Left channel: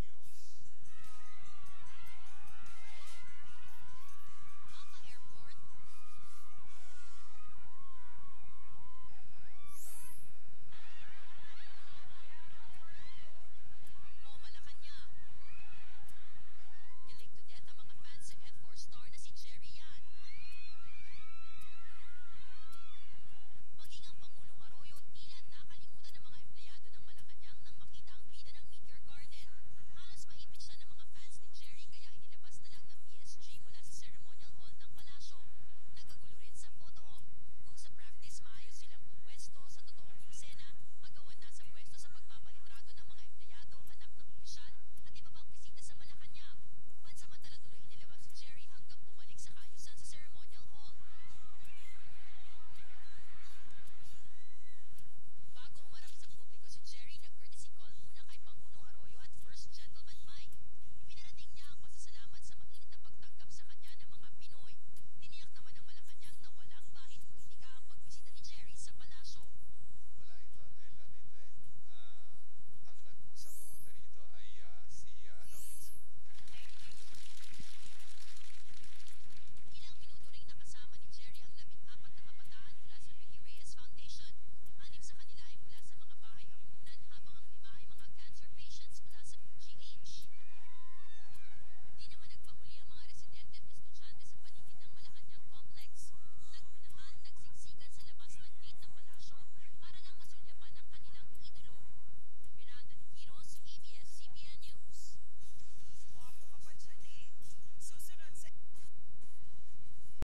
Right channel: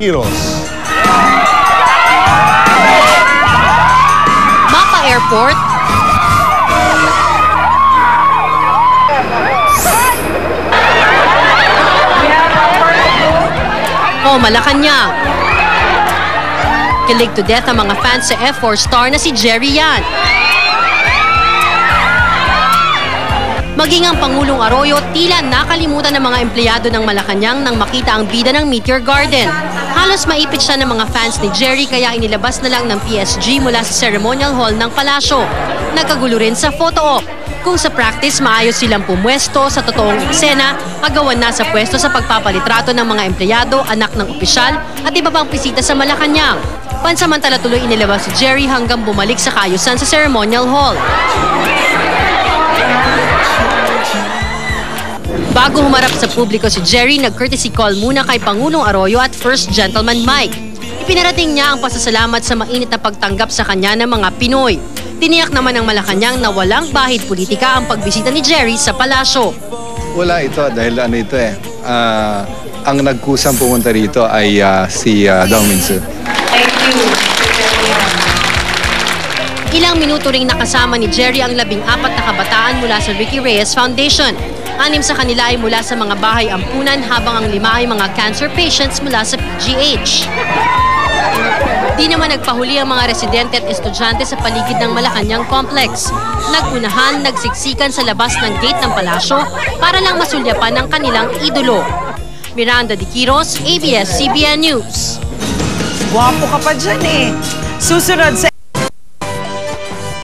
Heroes. Mapa Airport, o Malacanang. Kilig to death ang mga fans sa F4 star na si Jerry Yan. Maging ang Pangulong Arroyo, tila nakalimutan ng mga empleyado ng Malacanang nang makita ang bida ng Meteor Garden. Halos maipit siya ng mga fans ni Jerry kaya inilabas na lang ng PSG mula sa ceremonial hall ng palasyo. Nagkagulo rin sa photo op. Kung sa practice maayos silang pumwesto, sa totoong eksena, agawan na sa pwesto sa pagpapalitrato ng mga empleyado, anak ng opisyal at iba pang bisita sa Malacanang. Pansamantala tuloy inilabas si Jerry hanggang bumalik sa kaayusan sa ceremonial hall. Bago humarap sa publiko si Jerry, nag-courtesy call muna kay Pangulong Arroyo at First Gentleman Mike. Ipinarating niya ang pasasalamat sa mainit na pagtanggap sa kanya ng mga Pinoy. Tiniyak naman ng Malacanang na walang bahid politika ang pagbisita ni Jerry sa palasyo. Wala ito dahil ang nagkusang pumunta rito ay si Dong Minsu. Thank you. Ilang minuto ring nakasama ni Jerry ang 14 na kabataan mula sa Ricky Reyes Foundation. 6 sa kanila ay mula sa mga bahay ampunan habang ang 5 ay mga cancer patients mula sa PGH. Di naman nagpahuli ang mga residente at estudyante sa paligid ng Malacanang Complex. Nagunahan, nagsiksikan sa labas ng gate ng palasyo para lang masulyapan ang kanilang idolo. Miranda De Quiros, ABS-CBN News. Guwapo ka pa dyan eh. Susunod sa